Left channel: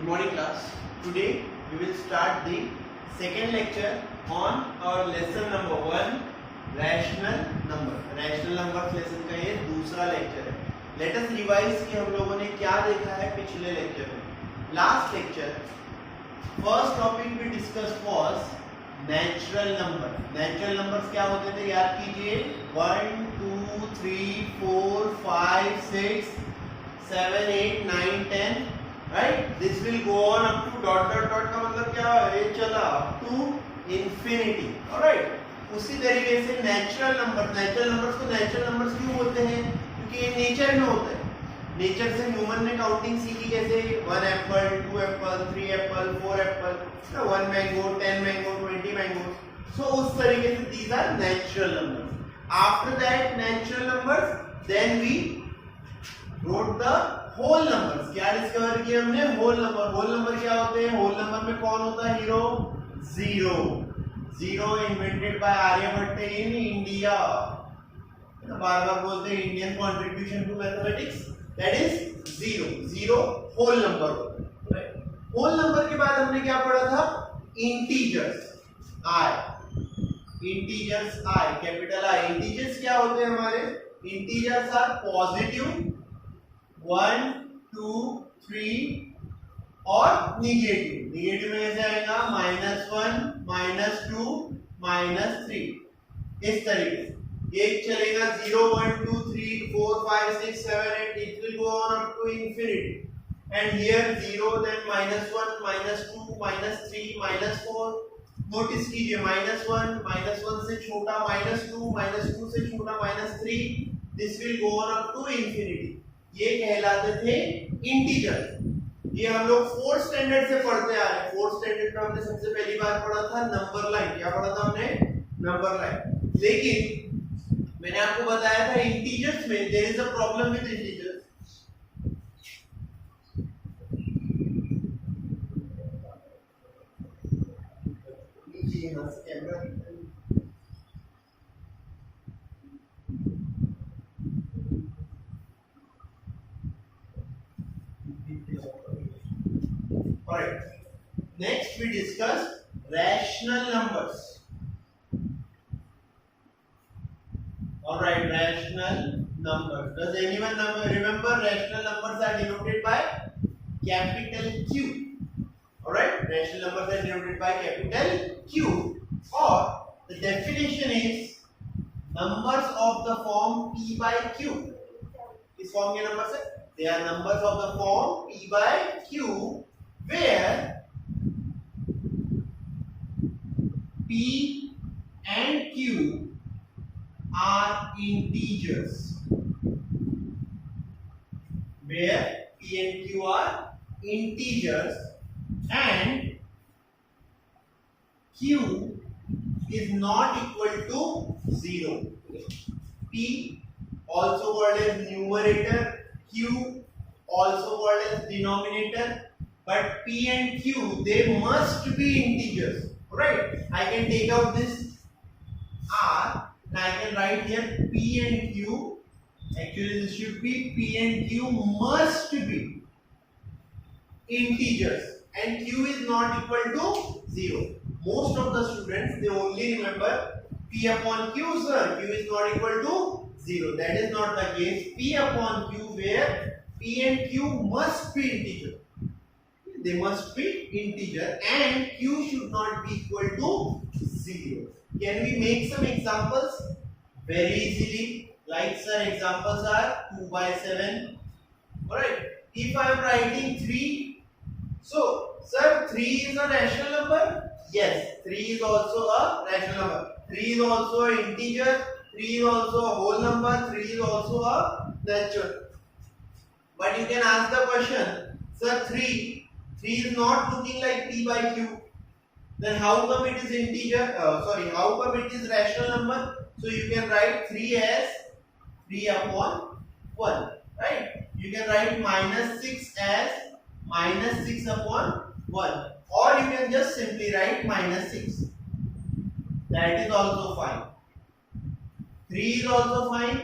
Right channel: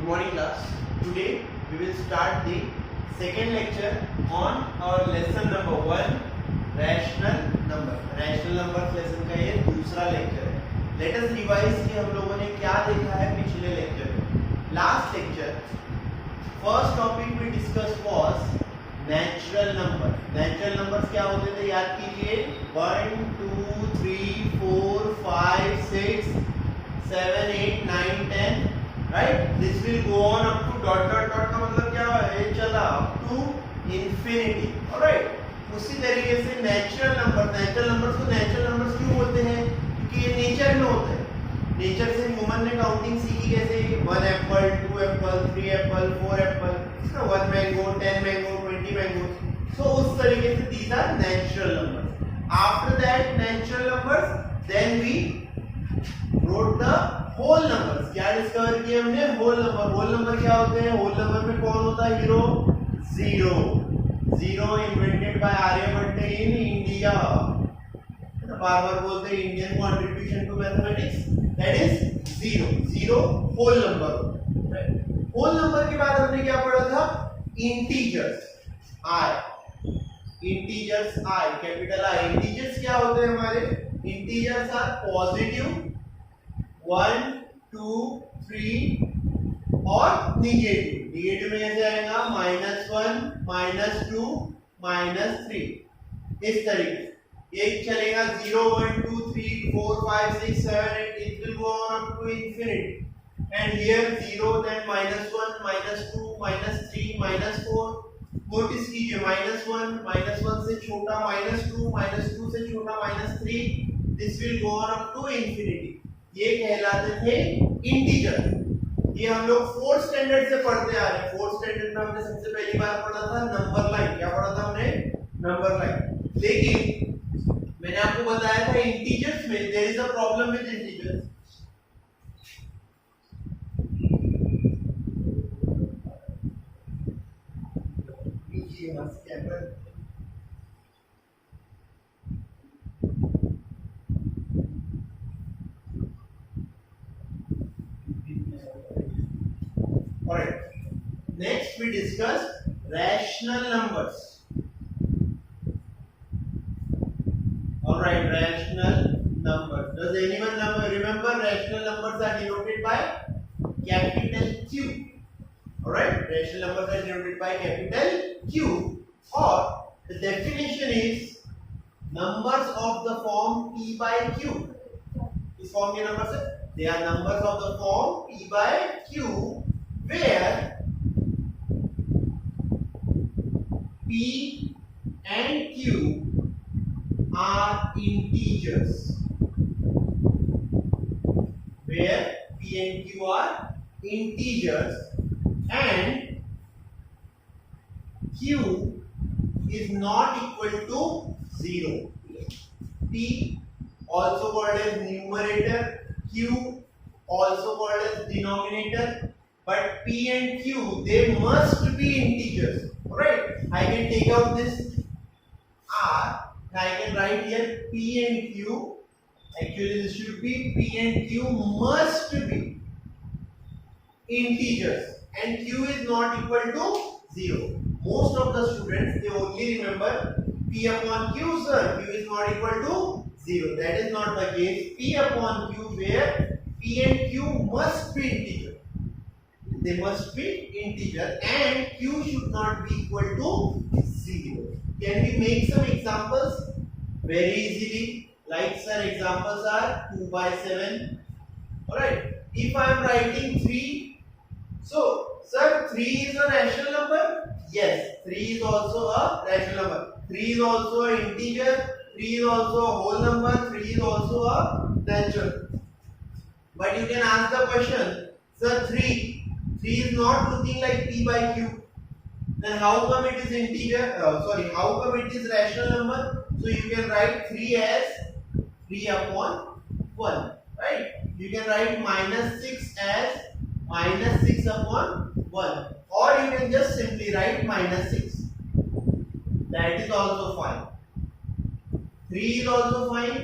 Good morning class. Today we will start the second lecture on our lesson number 1 rational number. Rational numbers lesson का ये दूसरा lecture है. Let us revise कि हम लोगों ने क्या देखा है पिछले लेक्चर में. Last lecture first topic we discussed was natural number. Natural numbers क्या होते थे याद कीजिए. 1 2 3 4 5 6 7 8 9 10. Right? This will go on up to dot dot dot का मतलब क्या है चला up to infinity. Alright? उसी तरीके से नेचुरल नंबर्स को नेचुरल नंबर्स क्यों बोलते हैं? क्योंकि ये नेचर में होता है. नेचर से ह्यूमन ने काउंटिंग सीखी कैसे? 1 apple 2 apple 3 apple 4 apple 1 mango 10 mango 20 mango. So उस तरीके से these are natural numbers. After that natural numbers then we wrote the whole numbers. क्या डिस्कवर किया हमने? होल नंबर क्या होते हैं? होल नंबर में कौन होता है hero? Zero invented by Aryabhata in India. बार बार बोलते हैं Indian contribution to mathematics, that is zero whole number होता है. होल नंबर के बाद हमने क्या पढ़ा था? Integers I. Capital I. Integers क्या होते हैं हमारे? इंटीजर्स आर पॉजिटिव 1 2 3 और निगेटिव में कैसे आएगा? -1 -2 -3. इस तरीके से एक चलेगा 0 1 2 3 4 5 6 7 8. it will go on up to infinity and here 0 then -1 -2 -3 -4. Notice कीजिए -1 से छोटा -2 से छोटा -3. this will go on up to infinity. ये कहलाते थे इंटीजर. ये हम लोग 4th स्टैंडर्ड से पढ़ते आ रहे हैं. 4th स्टैंडर्ड में हमने सबसे पहली बार पढ़ा था नंबर लाइन. क्या पढ़ा था हमने? Number line. लेकिन मैंने आपको बताया था इंटीजर्स में there is a problem with integers. यहां से camera Alright. Next we discuss rational numbers. Alright, rational numbers. Does anyone remember rational numbers are denoted by capital Q? Alright, rational numbers are denoted by capital Q. Or the definition is numbers of the form P by Q. इस form के number से they are numbers of the form P by Q where P and Q are integers. Where P and Q are integers and Q is not equal to 0. P also called as numerator, Q also called as denominator. But P and Q they must be integers. Right? I can take out this R and I can write here P and Q. Actually this should be P and Q must be integers and Q is not equal to 0. Most of the students they only remember P upon Q, sir. Q is not equal to 0. That is not the case. P upon Q where P and Q must be integer. They must be integer and Q should not be equal to 0. Can we make some examples? Very easily. Like sir, examples are 2 by 7. Alright. If I am writing 3, so sir 3 is a rational number? Yes, 3 is also a rational number. 3 is also an integer. 3 is also a whole number. 3 is also a natural. But you can ask the question, sir 3 is not looking like P by Q. Then how come it is integer? How come it is rational number? So you can write 3 as 3 upon 1. Right? You can write -6 as -6 upon 1. Or you can just simply write -6. That is also fine. 3 is also fine.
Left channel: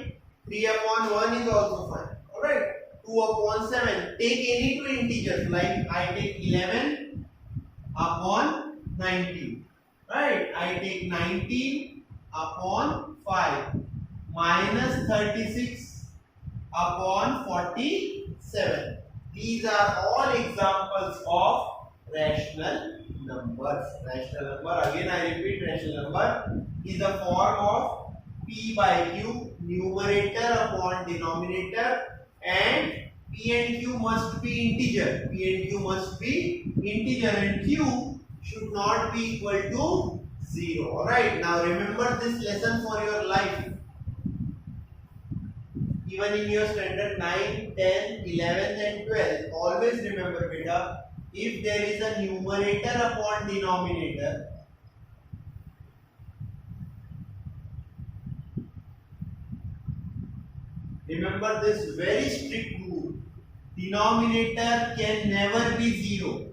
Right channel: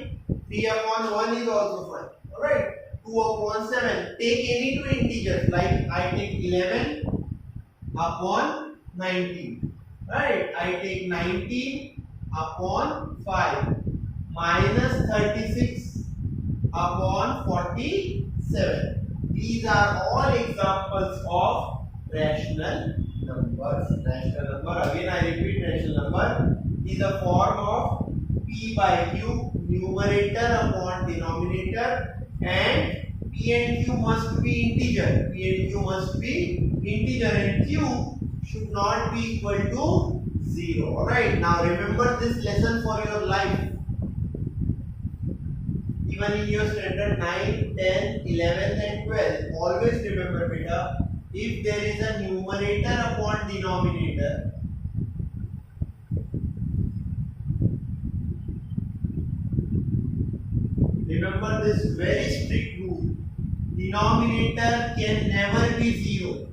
3 upon 1 is also fine. Alright. 2 upon 7. Take any two integers, like I take 11 upon 19. Right? I take 19 upon 5 minus 36 upon 47. These are all examples of rational numbers. Rational number, again I repeat, rational number is a form of p by q, numerator upon denominator, and p and q must be integer. P and q must be integer, and q should not be equal to 0. Alright, now remember this lesson for your life. Even in your standard 9, 10, 11 and 12, always remember beta, if there is a numerator upon denominator, remember this very strict rule, denominator can never be 0.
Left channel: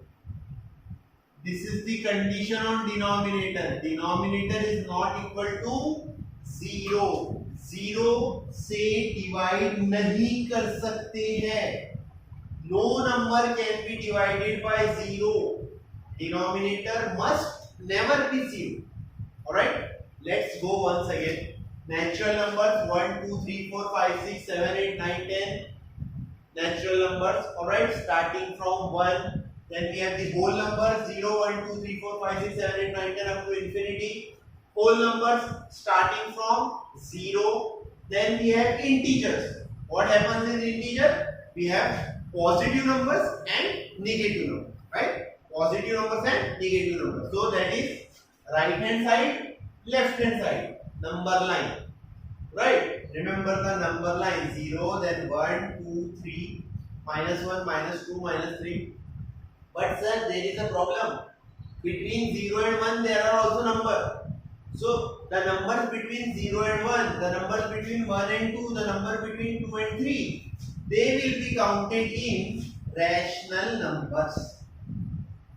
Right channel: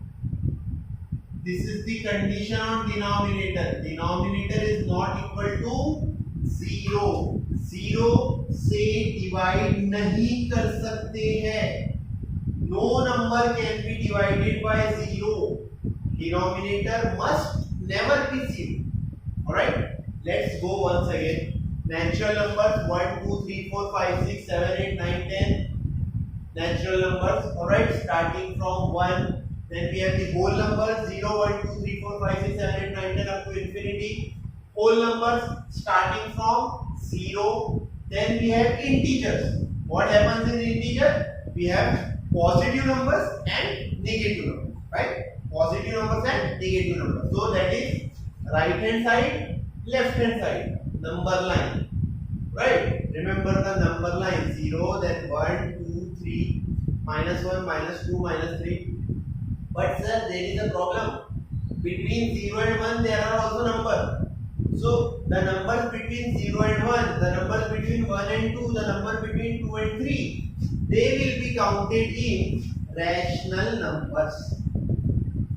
This is the condition on denominator. Denominator is not equal to 0. 0 से divide नहीं कर सकते हैं. No number can be divided by 0. Denominator must never be 0. Alright, let's go once again. Natural numbers 1, 2, 3, 4, 5, 6, 7, 8, 9, 10. Natural numbers. Alright, starting from 1. Then we have the whole numbers 0, 1, 2, 3, 4, 5, 6, 7, 8, 9, 10 up to infinity. Whole numbers starting from 0. Then we have integers. What happens in integer? We have positive numbers and negative numbers, right? Positive numbers and negative numbers. So that is right hand side, left hand side, number line, right? Remember the number line 0, then 1, 2, 3, minus 1, minus 2, minus 3. But sir, there is a problem. Between 0 and 1 there are also numbers. So the numbers between 0 and 1, the numbers between 1 and 2, the number between 2 and 3, they will be counted in rational numbers.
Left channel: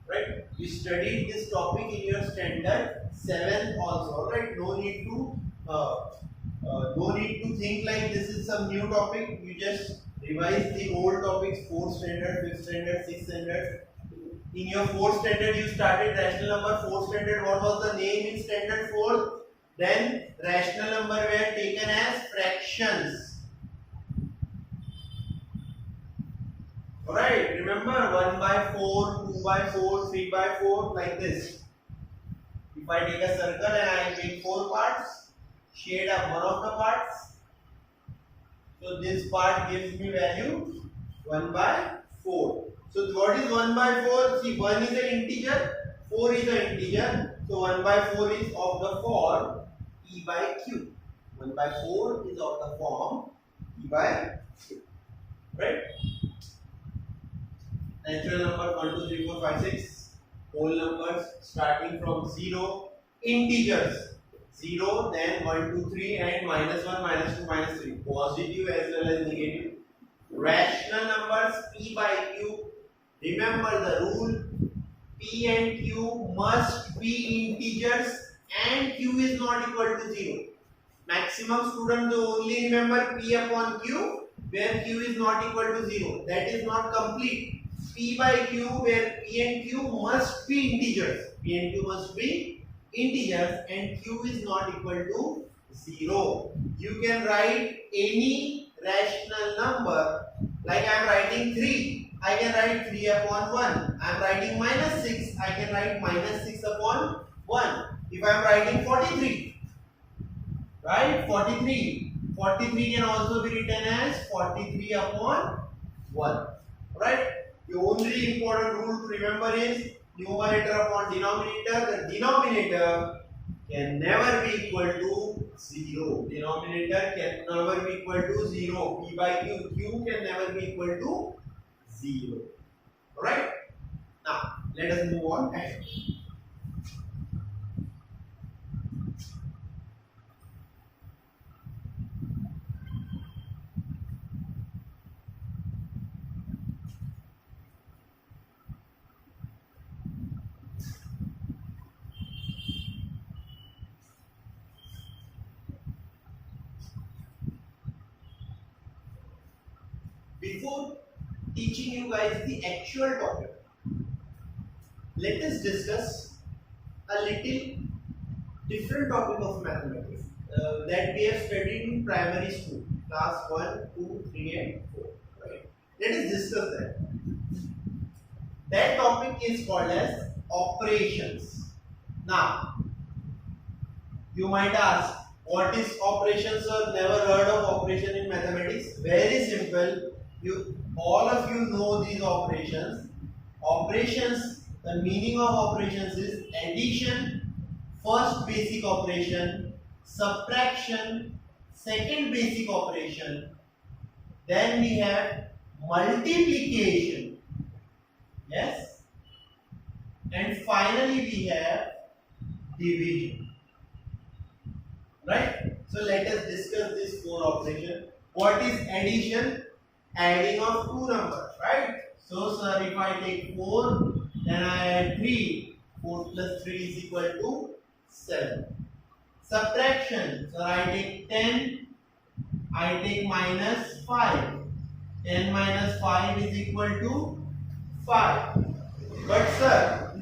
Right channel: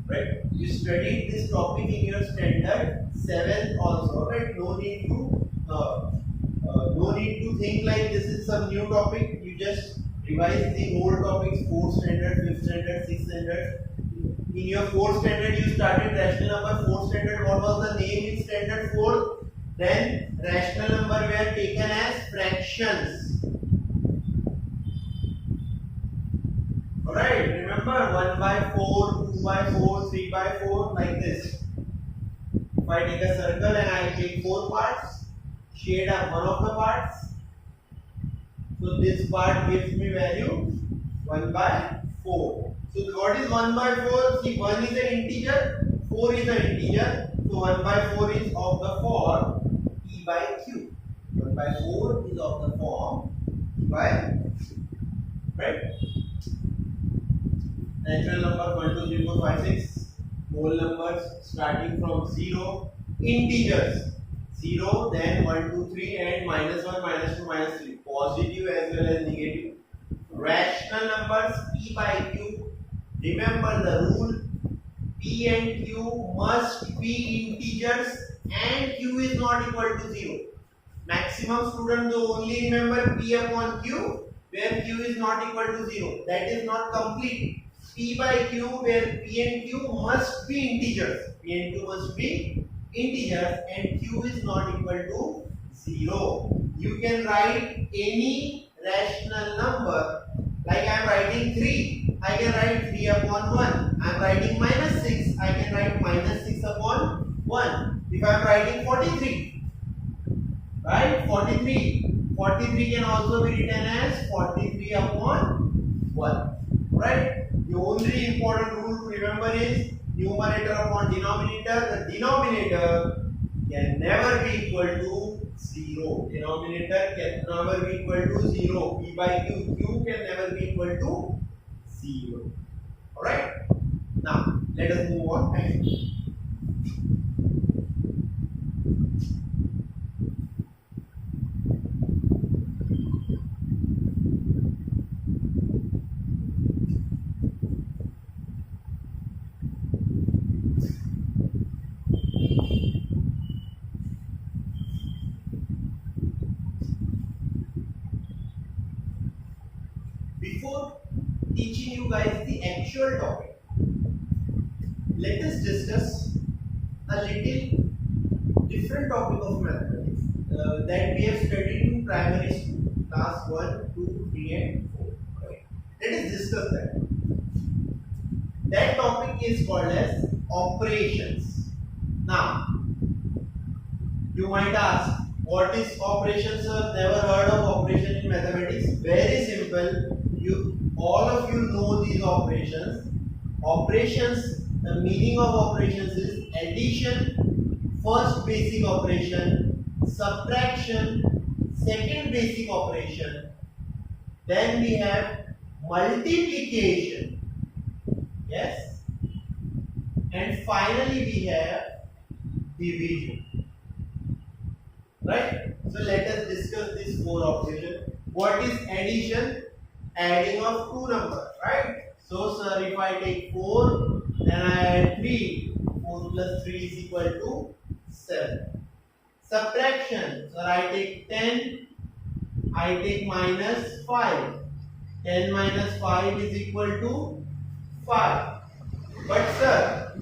Right? You studied this topic in your standard 7th also. Right? No need to think like this is some new topic. You just revise the old topics, 4th standard, 5th standard, 6th standard. In your 4th standard, you started rational number. 4th standard, what was the name in standard 4? Then rational number were taken as fractions. Alright, remember 1 by 4, 2 by 4, 3 by 4, like this. If I take a circle and I make 4 parts, shade up one of the parts. So this part gives me value 1 by 4. So what is 1 by 4? See, 1 is an integer, 4 is an integer. So 1 by 4 is of the form p by q. 1 by 4 is of the form p by q. Right? Natural number 1, 2, 3, 4, 5, 6. Whole numbers starting from 0. Integers 0, then 1, 2, 3 and minus 1, minus 2, minus 3. Positive as well as negative. Rational numbers p by q. Remember the rule, p and q must be integers and q is not equal to 0. Maximum students only remember p upon q where q is not equal to 0. That is not complete. P by q where p and q must be integers. P and q must be integers and q is not equal to 0. You can write any rational number, like I am writing 3. I can write 3 upon 1. I am writing minus 6. I can write minus 6 upon 1. If I am writing 43, right? 43 can also be written as 43 upon 1. Right? The only important rule to remember is numerator upon denominator. The denominator can never be equal to 0. Denominator can never be equal to 0. P by q. Q can never be equal to 0. Alright? Now, let us move on. Before before teaching you guys the actual topic, let us discuss a little different topic of mathematics that we have studied in primary school, class 1, 2, 3 and 4. Right? Let us discuss that. That topic is called as operations. Now, you might ask, what is operations, sir? Never heard of operation in mathematics. Very simple. All of you know these operations. Operations, the meaning of operations is addition, first basic operation, subtraction, second basic operation. Then we have multiplication. Yes. And finally we have division. Right? So let us discuss this 4 operation. What is addition? Adding of 2 numbers, right? So sir, if I take 4, then I add 3. 4 plus 3 is equal to 7. Subtraction. So I take 10. I take minus 5. 10 minus 5 is equal to 5. But sir,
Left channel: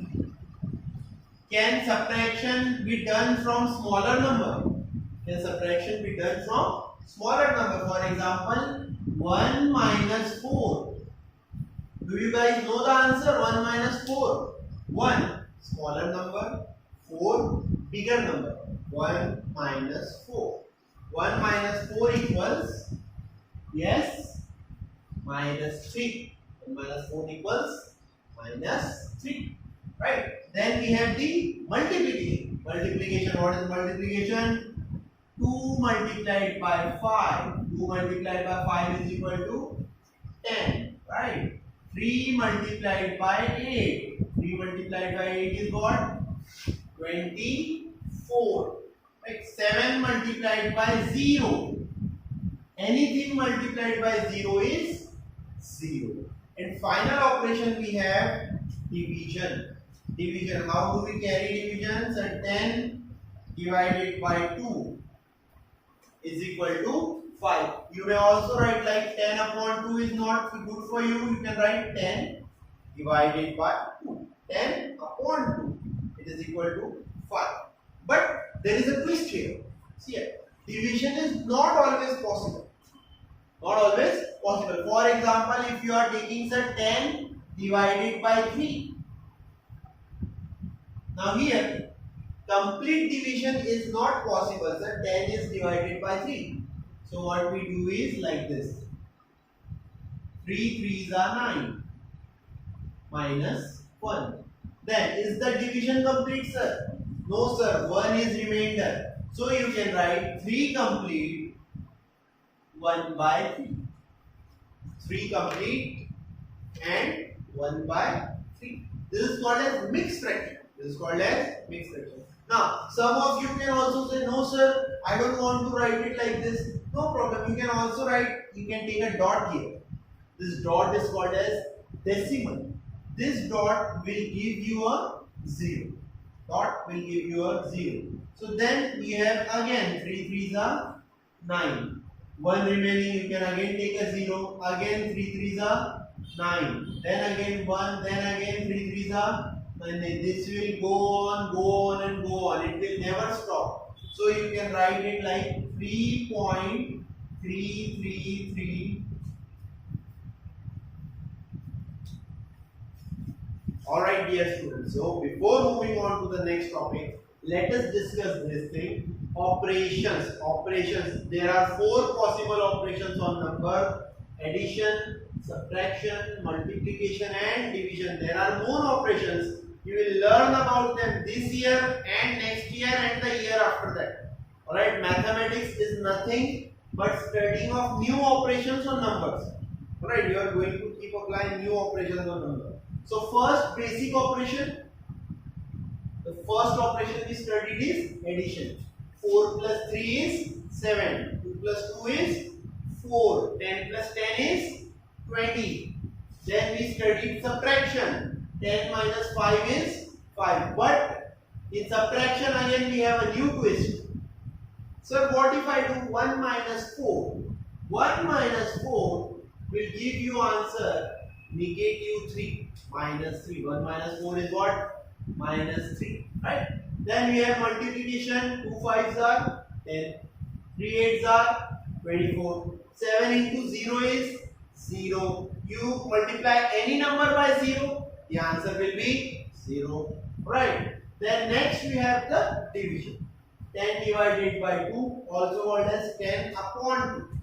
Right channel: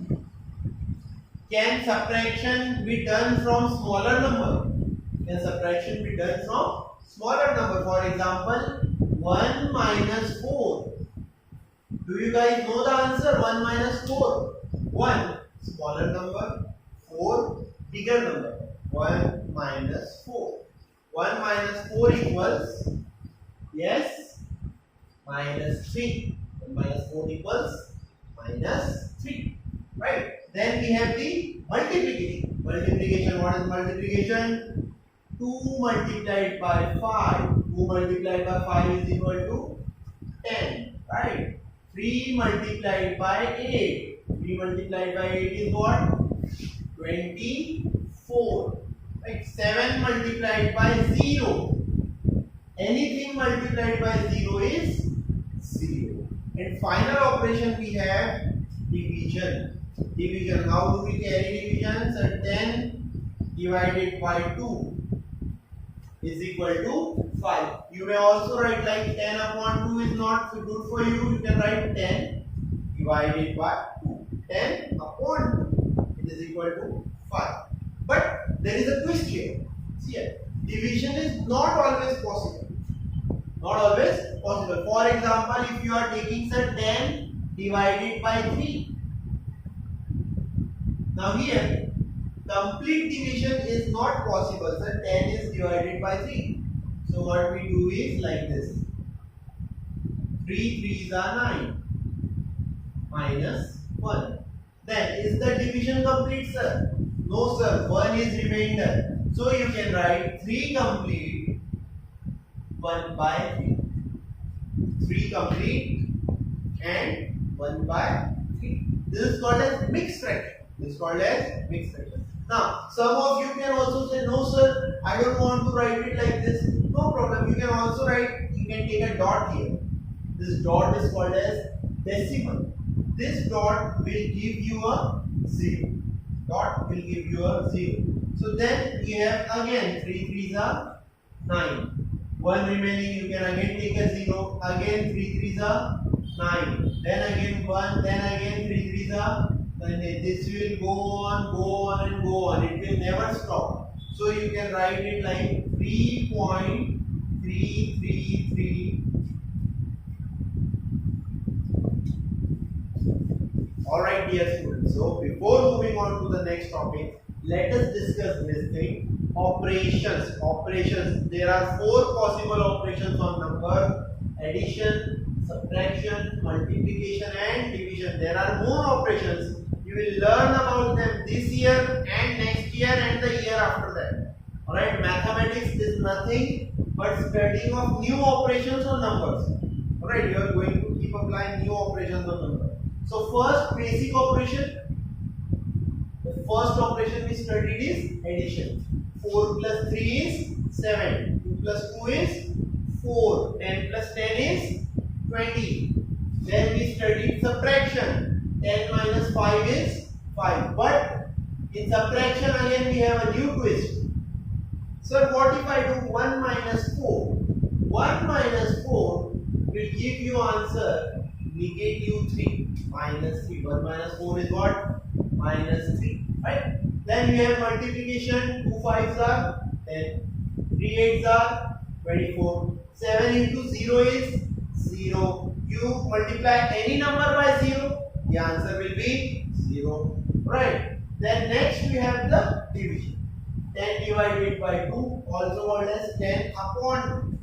can subtraction be done from smaller number? Can subtraction be done from smaller number? For example, 1 minus 4. Do you guys know the answer? 1 minus 4. 1 smaller number, 4 bigger number. 1 minus 4. 1 minus 4 equals, yes, minus 3. 1 minus 4 equals minus 3. Right? Then we have the multiplication. Multiplication, what is multiplication? 2 multiplied by 5. 2 multiplied by 5 is equal to 10. Right? 3 multiplied by 8. 3 multiplied by 8 is what? 24. Right? 7 multiplied by 0. Anything multiplied by 0 is 0. And final operation we have division. Division. How do we carry division? So 10 divided by 2 is equal to 5. You may also write like 10 upon 2 is not good for you. You can write 10 divided by 2. 10 upon 2. It is equal to 5. But there is a twist here. See here. Division is not always possible. Not always possible. For example, if you are taking say 10 divided by 3. Now here, complete division is not possible. So 10 is divided by 3. So what we do is like this. 3 3s are 9. Minus 1. Then is the division complete, sir? No sir, 1 is remainder. So you can write 3 complete, 1 by 3. 3 complete and 1 by 3. This is called as mixed fraction. This is called as mixed fraction. Now, some of you can also say, no sir, I don't want to write it like this. No problem. You can also write, you can take a dot here. This dot is called as decimal. This dot will give you a 0. Dot will give you a 0. So then we have again 3 3s are 9. 1 remaining, you can again take a 0. Again 3 3s are 9. Then again 1. Then again 3 3s are 9. This will go on and go on. It will never stop. So you can write it like 3.333. Alright dear students, so before moving on to the next topic, let us discuss this thing. Operations. Operations. There are 4 possible operations on number. Addition, subtraction, multiplication and division. There are more operations. You will learn about them this year and next year and the year after that. Alright, mathematics is nothing but studying of new operations on numbers. Alright, you are going to keep applying new operations on numbers. So first basic operation, the first operation we studied is addition. 4 plus 3 is 7, 2 plus 2 is 4, 10 plus 10 is 20. Then we studied subtraction. 10 minus 5 is 5. But in subtraction again we have a new twist. So what if I do 1 minus 4? 1 minus 4 will give you answer negative 3 minus 3. 1 minus 4 is what? Minus 3. Right? Then we have multiplication. 2 5s are 10. 3 8s are 24. 7 into 0 is 0. You multiply any number by 0, the answer will be 0. Right? Then next we have the division. 10 divided by 2, also called as 10 upon 2.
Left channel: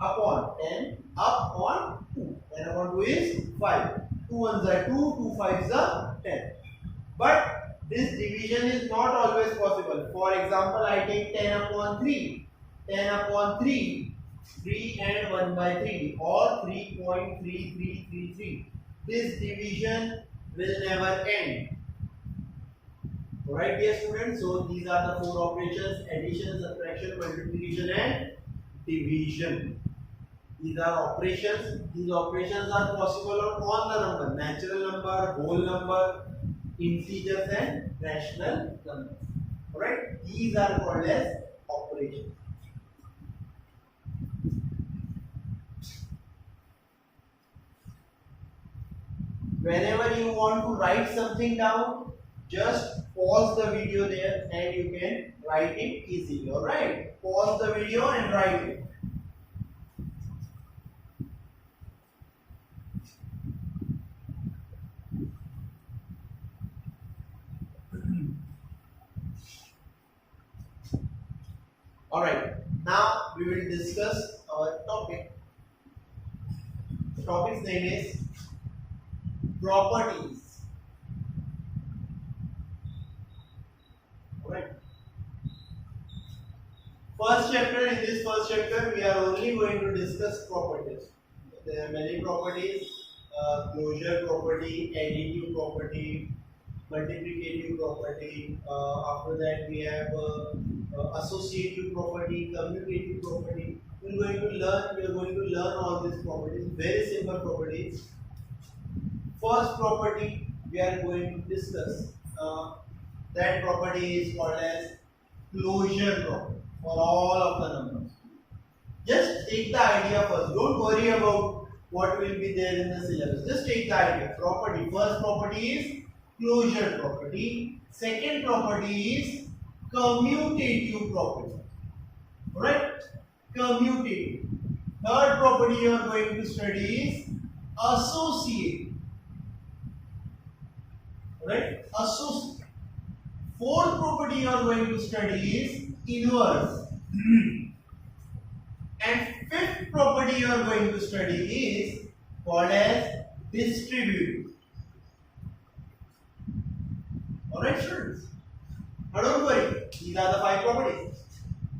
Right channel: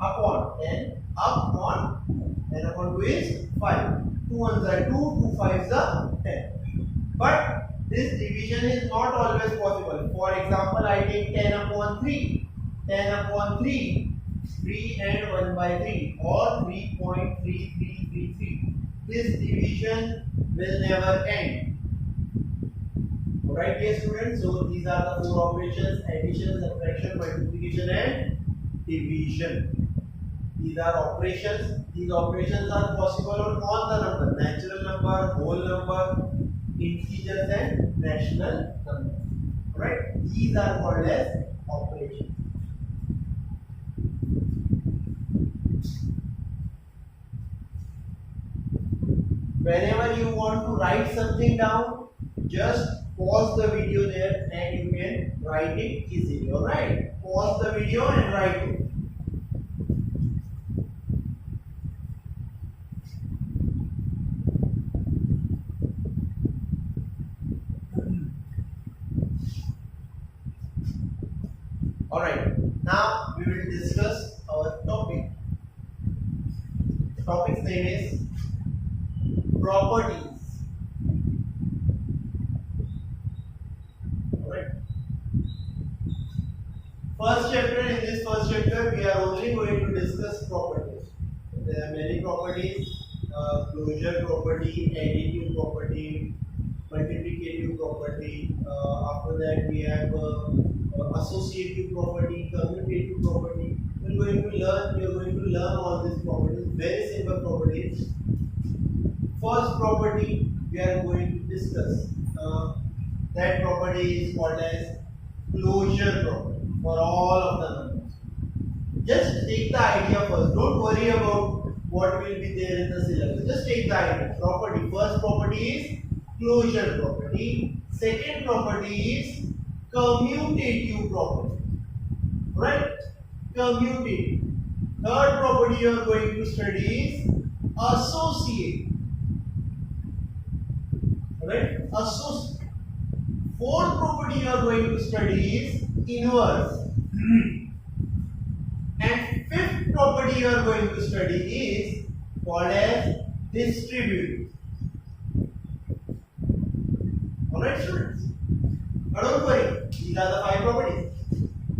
Upon 10 upon 2. 10 upon 2 is 5. 2 ones are 2, 2 5s are 10. But this division is not always possible. For example, I take 10 upon 3. 10 upon 3, 3 and 1 by 3 or 3.3333. This division will never end. Alright dear students, so these are the 4 operations: addition, subtraction, multiplication and division. These are operations. These operations are possible on all the number: natural number, whole number, integers and rational numbers. Alright, these are called as operations. Whenever you want to write something down, just pause the video there and you can write it easily. Alright, pause the video and write it. Alright, now we will discuss our topic. The topic's name is properties. Alright. First chapter, in this first chapter, we are only going to discuss properties. There are many properties: closure property, additive property, multiplicative property. After that, we have associative property, commutative property. We are going to learn all these properties. Very simple properties. First property we are going to discuss. That property is called as closure property for all of the numbers. Just take the idea first. Don't worry about what will be there in the syllabus. Just take the idea. Property. First property is closure property. Second property is commutative property. Alright? Commutative. Third property you are going to study is associative. Alright? Associative. Fourth property you are going to study is inverse. And fifth property you are going to study is called as distributive. Alright students? Now don't worry, these are the 5 properties:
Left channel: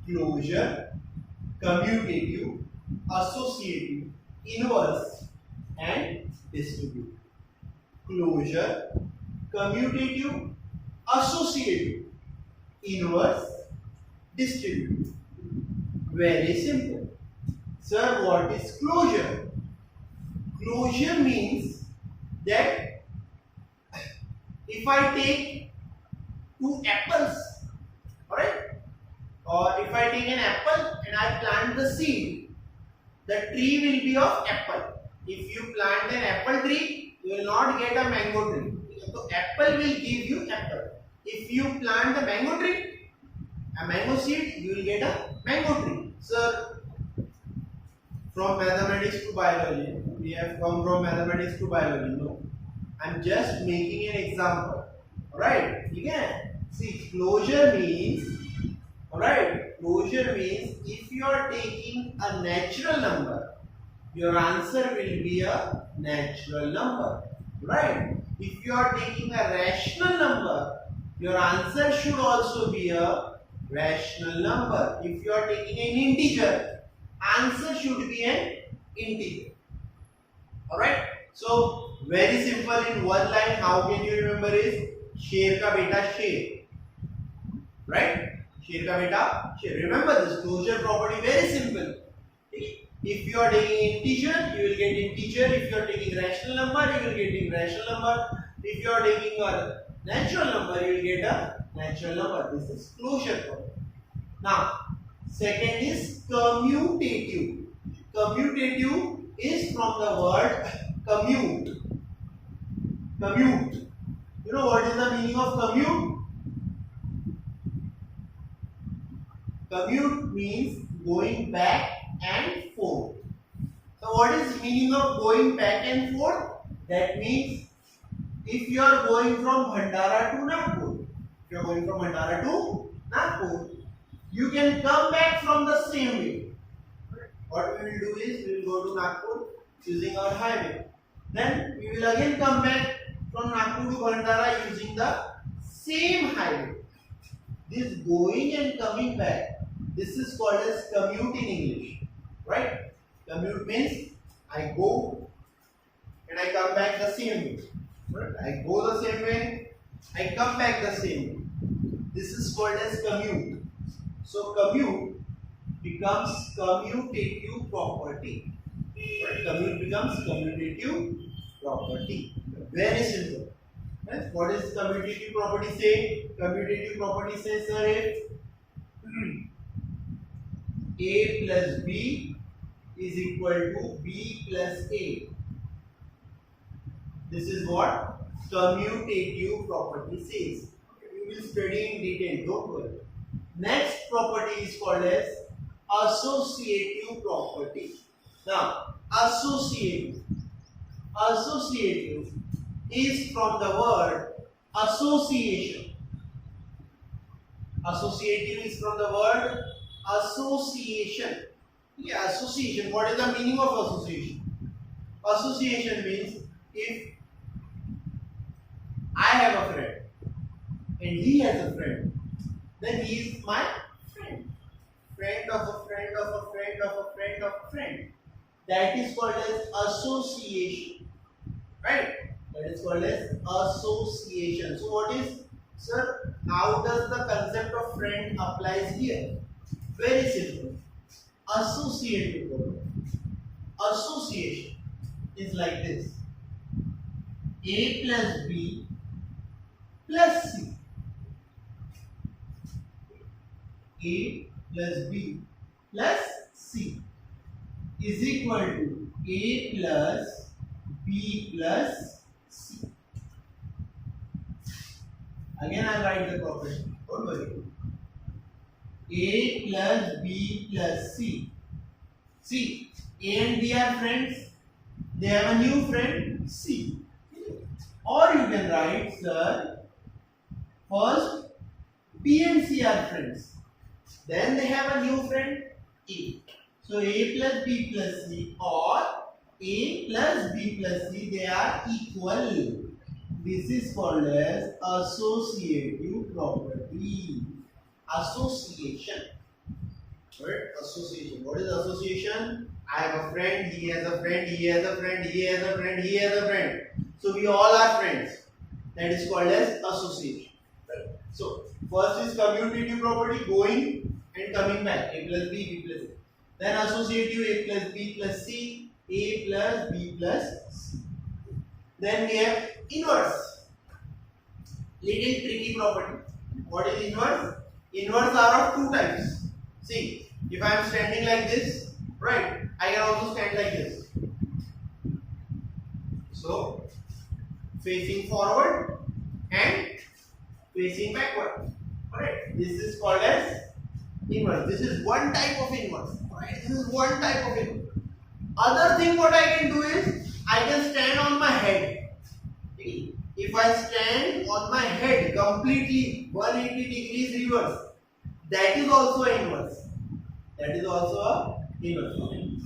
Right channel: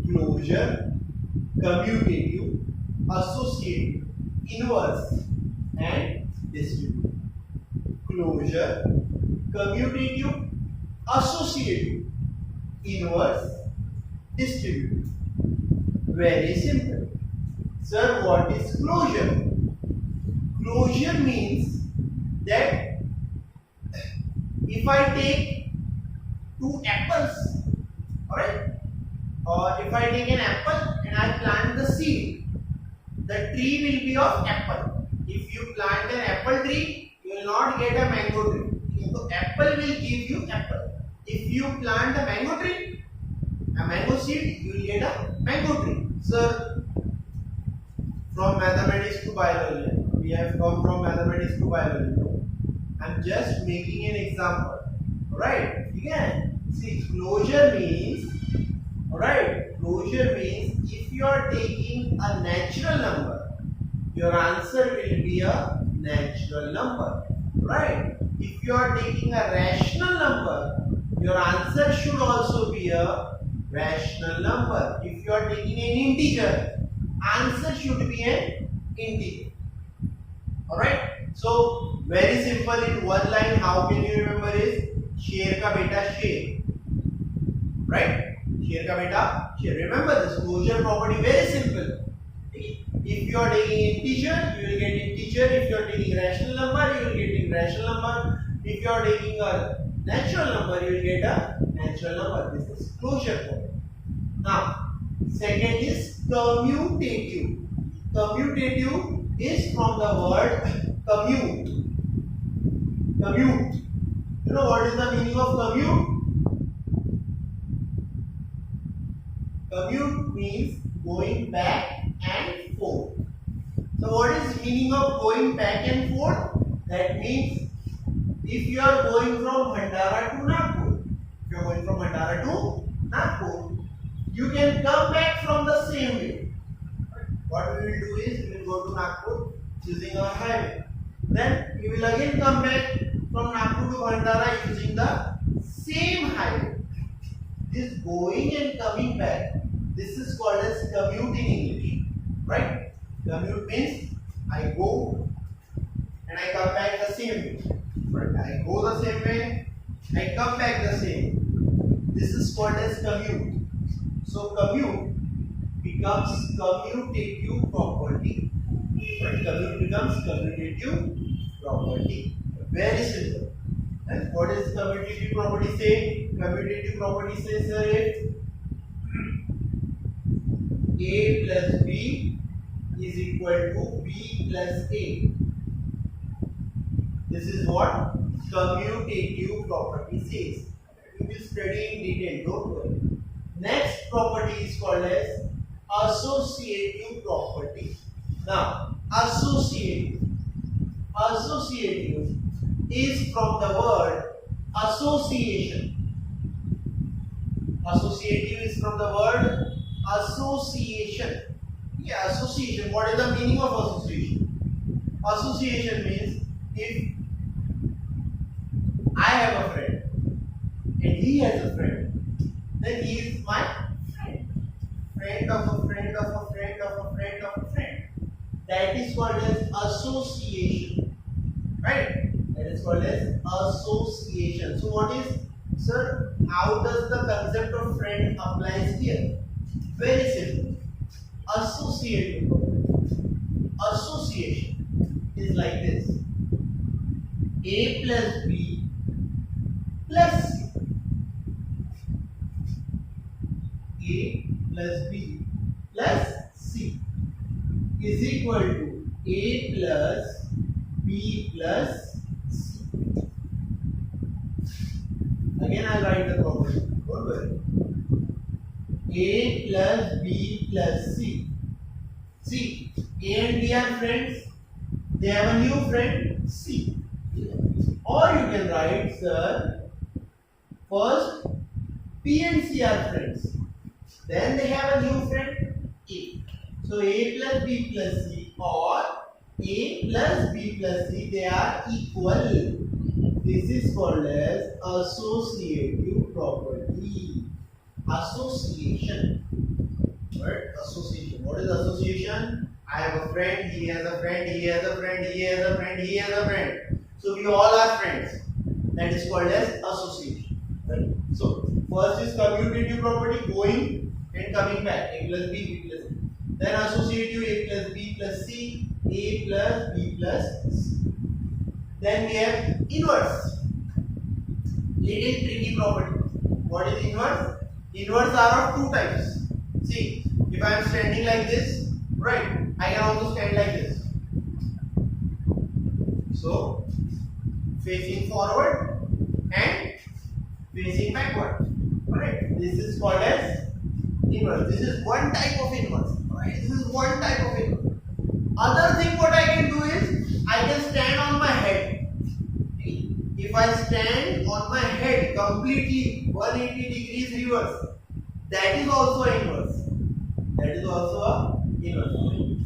closure, commutative, associative, inverse and distributive. Closure, commutative, associative, inverse, distributive. Very simple. Sir, what is closure? Closure means that if I take 2 apples, alright, or if I take an apple and I plant the seed, the tree will be of apple. If you plant an apple tree, you will not get a mango tree. So apple will give you apple. If you plant a mango tree, a mango seed, you will get a mango tree. Sir, from mathematics to biology, we have come from mathematics to biology. No, I am just making an example. Alright, you can see closure means, alright, closure means if you are taking a natural number, your answer will be a natural number. Right? If you are taking a rational number, your answer should also be a rational number. If you are taking an integer, answer should be an integer. Alright? So, very simple in one line, how can you remember is शेर का बेटा शेर. Right? शेर का बेटा शेर. Remember this closure property, very simple. If you are taking integer, you will get integer. If you are taking rational number, you will get rational number. If you are taking a natural number, you will get a natural number. This is closure property. Now, second is commutative. Commutative is from the word commute. Commute. You know what is the meaning of commute? Commute means going back and forth. So what is meaning of going back and forth? That means if you are going from Bhandara to Nagpur, you can come back from the same way. What we will do is we will go to Nagpur using our highway. Then we will again come back from Nagpur to Bhandara using the same highway. This going and coming back, this is called as commute in English, right? Commute means I go and I come back the same way. Right? I go the same way, I come back the same way. This is called as commute. So commute becomes commutative property. Right? Commute becomes commutative property. Very simple. And what is commutative property say? Commutative property says, sir, A plus B is equal to B plus A. This is what commutative property says. We will study in detail, don't worry. Next property is called as associative property. Now, associative is from the word association. Associative is from the word association. Yeah, association. What is the meaning of association? Association means if I have a friend and he has a friend, then he is my friend. Friend of a friend of a friend of a friend of a friend. That is called as association. Right? That is called as association. So what is, sir, how does the concept of friend applies here? Very simple. Associative property. Association is like this. A plus B plus C. A plus B plus C is equal to A plus B plus C. Again I will write the property. Don't worry. A plus B plus C. See, A and B are friends. They have a new friend C. Or you can write, sir, first B and C are friends. Then they have a new friend A. So A plus B plus C or A plus B plus C, they are equal. This is called as associative property. Association. Right? Association. What is association? I have a friend, he has a friend, he has a friend, he has a friend, he has a friend. So we all are friends. That is called as association. Right? So first is commutative property, going and coming back. A plus B, B plus C. Then associative, A plus B plus C, A plus B plus C. Then we have inverse. Little tricky property. What is inverse? Inverse are of two types. See, if I am standing like this, right, I can also stand like this. So, facing forward and facing backward. Alright, this is called as inverse. This is one type of inverse. Alright, this is one type of inverse. Other thing what I can do is, I can stand on my head. If I stand on my head completely 180 degrees reverse, that is also inverse. That is also a inverse.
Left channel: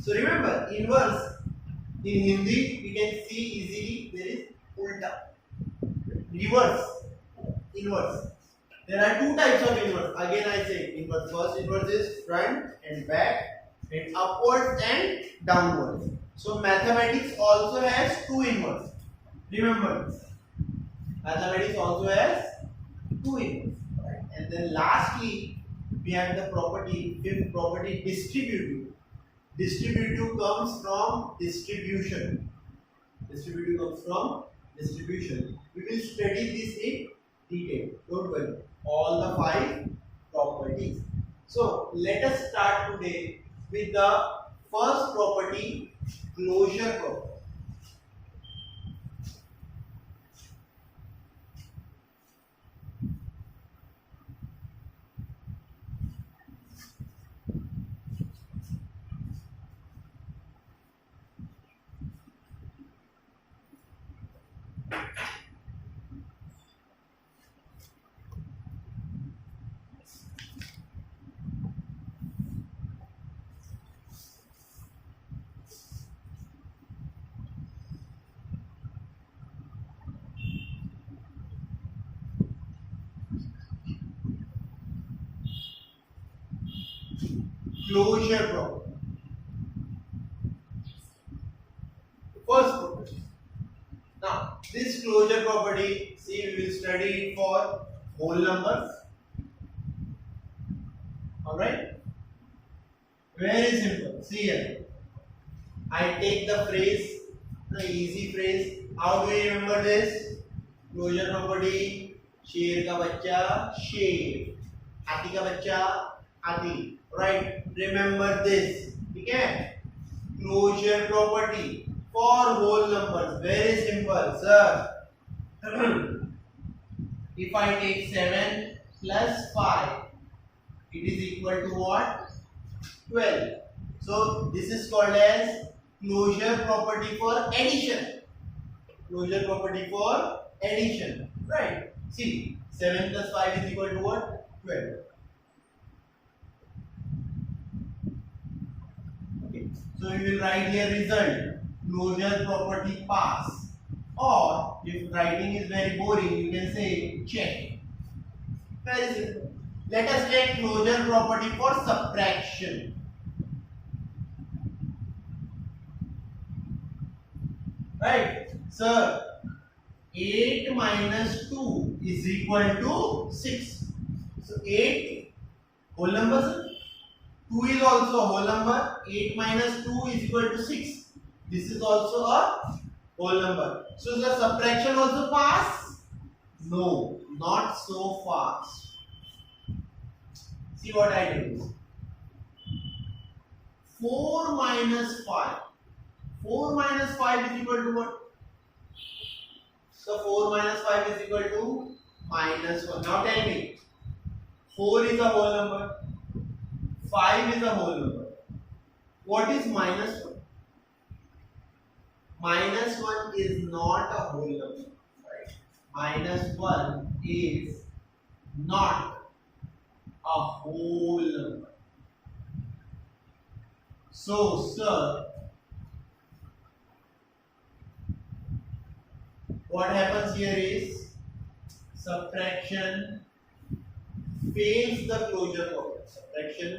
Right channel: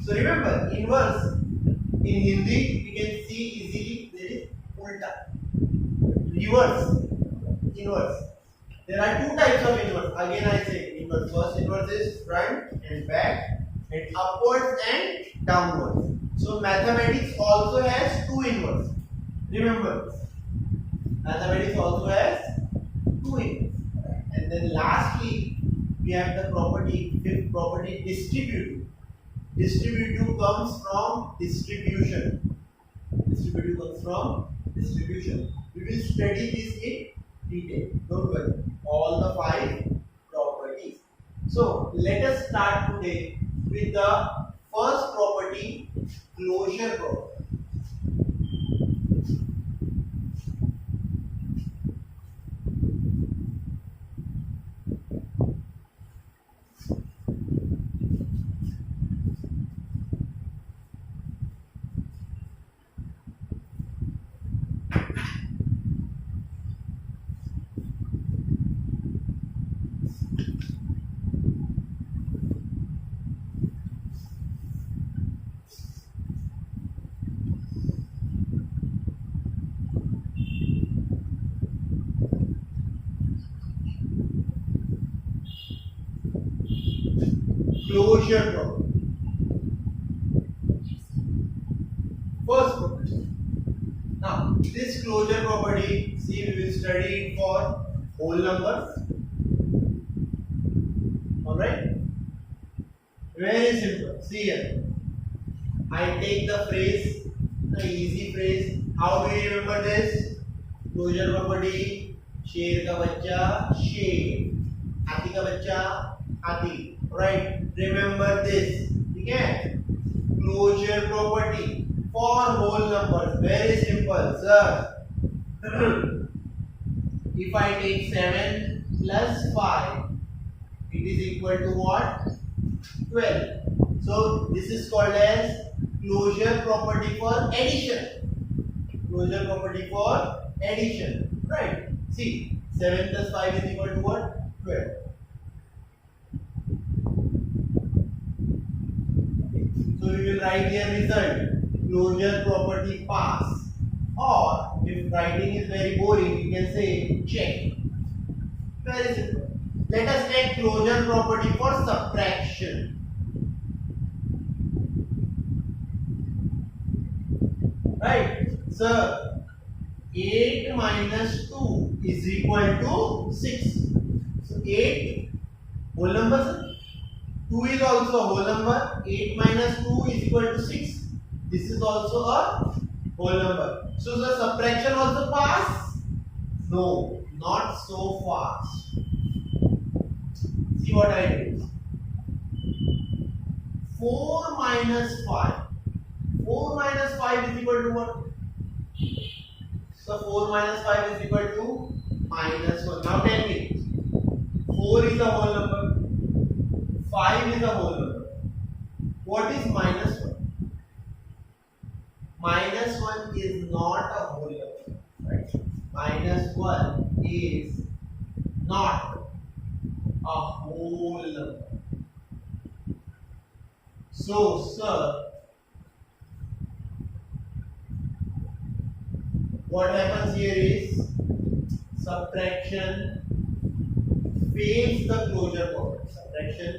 So remember, inverse in Hindi we can see easily there is ulta. Reverse, inverse. There are two types of inverse. Again I say inverse. First inverse is front and back and upwards and downwards. So mathematics also has two inverse. Remember, mathematics also has two inverse. Right? And then lastly, we have the property, fifth property, distributive. Distributive comes from distribution. Distributive comes from distribution. We will study this in detail. Don't worry. All the 5 properties. So let us start today with the first property, closure property. Closure property. First property. Now, this closure property, see, we will study it for whole numbers. Alright? Very simple. See here. I take the phrase, the easy phrase. How do you remember this? Closure property. शेर का बच्चा शेर, हाथी का बच्चा हाथी. Right? Remember this. ठीक है? Closure property for whole numbers. Very simple, sir. If I take 7 plus 5, it is equal to what? 12. So this is called as closure property for addition. Closure property for addition. Right? See, 7 plus 5 is equal to what? 12. Okay. So we will write here result. Closure property pass. Or if writing is very boring, you can say check. Very simple. Let us take closure property for subtraction. Right? So 8 minus 2 is equal to 6. So 8 whole number, sir. 2 is also a whole number. 8 minus 2 is equal to 6. This is also a whole number. So the subtraction also pass? No, not so fast. See what I do. 4 minus 5. 4 minus 5 is equal to what? So 4 minus 5 is equal to minus 1. Now tell me. 4 is a whole number. 5 is a whole number. What is minus 1? Minus 1 is not a whole number. Right? Minus 1 is not a whole number. So, sir, what happens here is subtraction fails the closure property. Subtraction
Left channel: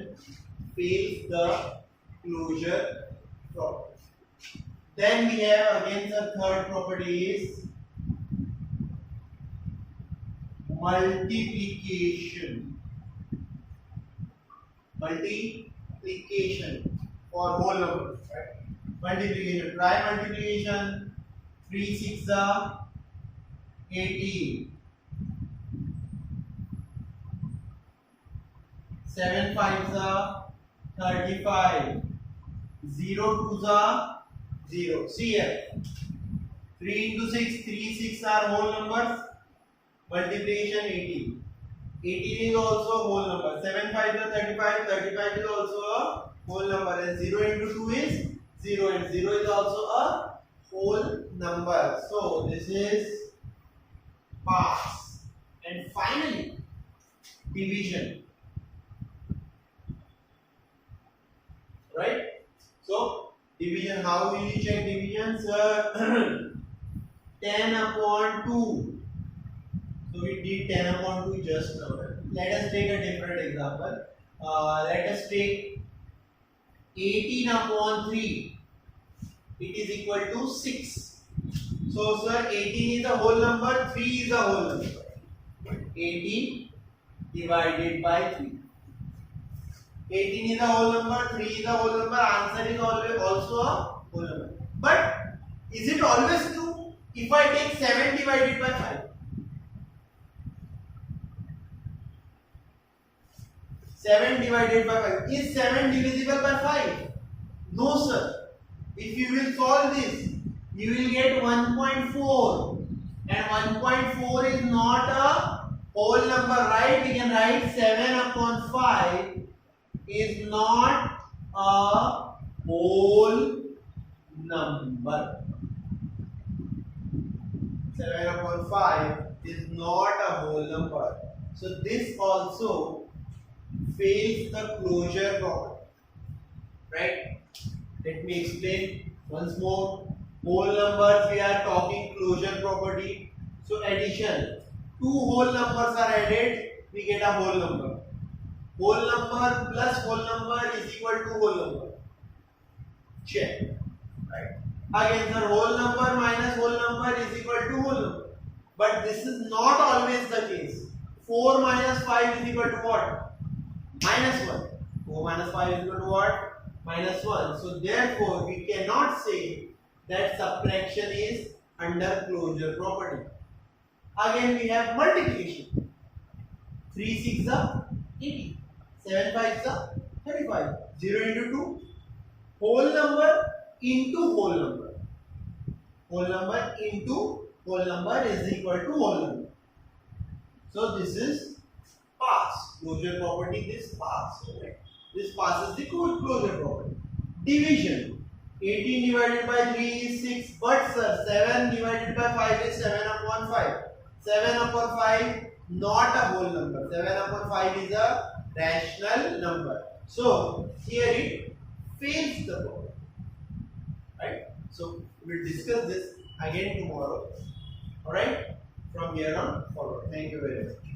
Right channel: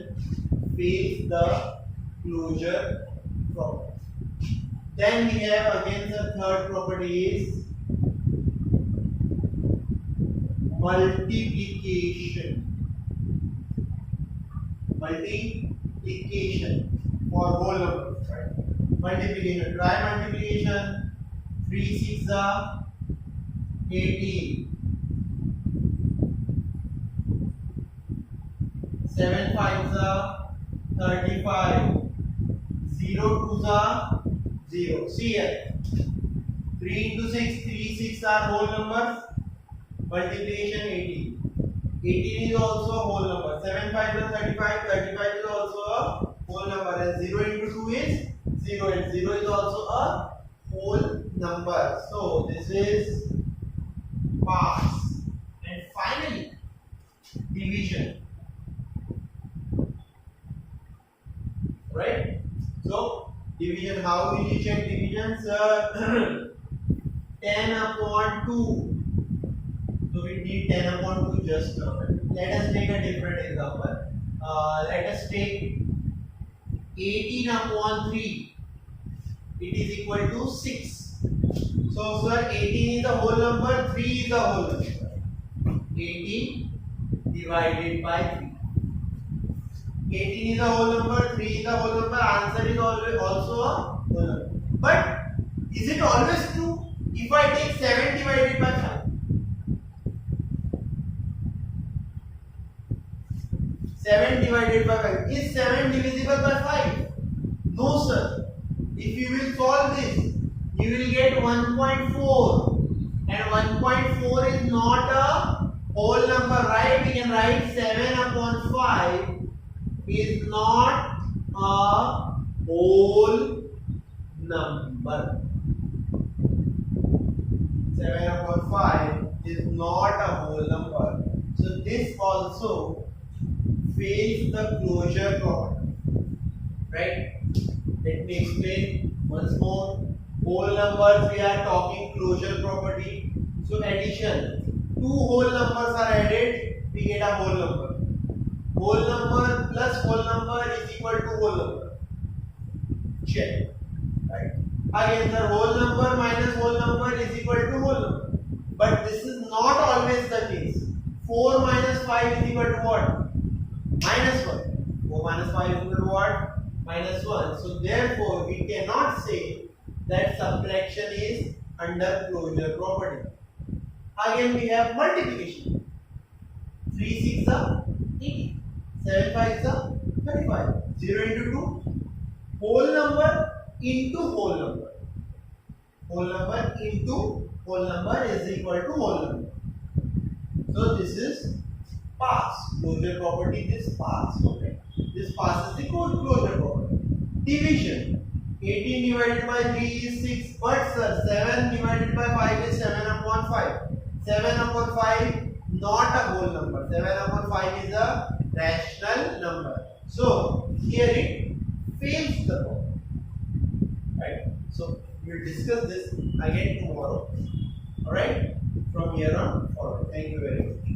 fails the closure property. Then we have again the third property is multiplication. Multiplication for whole numbers, right? Multiplication. Try multiplication. 3 6 are 18. 7 5 are 35. 0 2 are 0. See here. 3 into 6, 3 6 are whole numbers. Multiplication 18. 18 is also a whole number. 7 5 is 35. 35 is also a whole number. And 0 into 2 is 0. And 0 is also a whole number. So this is pass. And finally, division. Right? So division, how will you check division? Sir, 10 upon 2. So we did 10 upon 2 just now. Let us take a different example. Let us take 18 upon 3. It is equal to 6. So, sir, 18 is a whole number, 3 is a whole number. 18 divided by 3. 18 is a whole number, 3 is a whole number, answer is also a whole number. But is it always true? If I take 7 divided by 5. 7 divided by 5. Is 7 divisible by 5? No, sir. If you will solve this, you will get 1.4, and 1.4 is not a whole number, right? We can write 7 upon 5 is not a whole number. 7 upon 5 is not a whole number. So this also fails the closure property, right? Let me explain once more. Whole numbers, we are talking closure property. So addition, two whole numbers are added, we get a whole number. Whole number plus whole number is equal to whole number. Check, right? Again, the whole number minus whole number is equal to whole number. But this is not always the case. 4 minus 5 is equal to what? Minus 1. 4 minus 5 is equal to what? Minus 1. So therefore, we cannot say that subtraction is under closure property. Again, we have multiplication. 3 6 are 80. 7 5 are 35. 0 into 2. Whole number into whole number. Whole number into whole number is equal to whole number. So this is pass. Closure property, this pass. Okay. This passes the closure property. Division. 18 divided by 3 is 6. But sir, 7 divided by 5 is 7 upon 5. 7 upon 5 not a whole number. 7 upon 5 is a rational number. So here it fails the problem. Right? So we will discuss this again tomorrow. Alright? From here on forward. Thank you very much.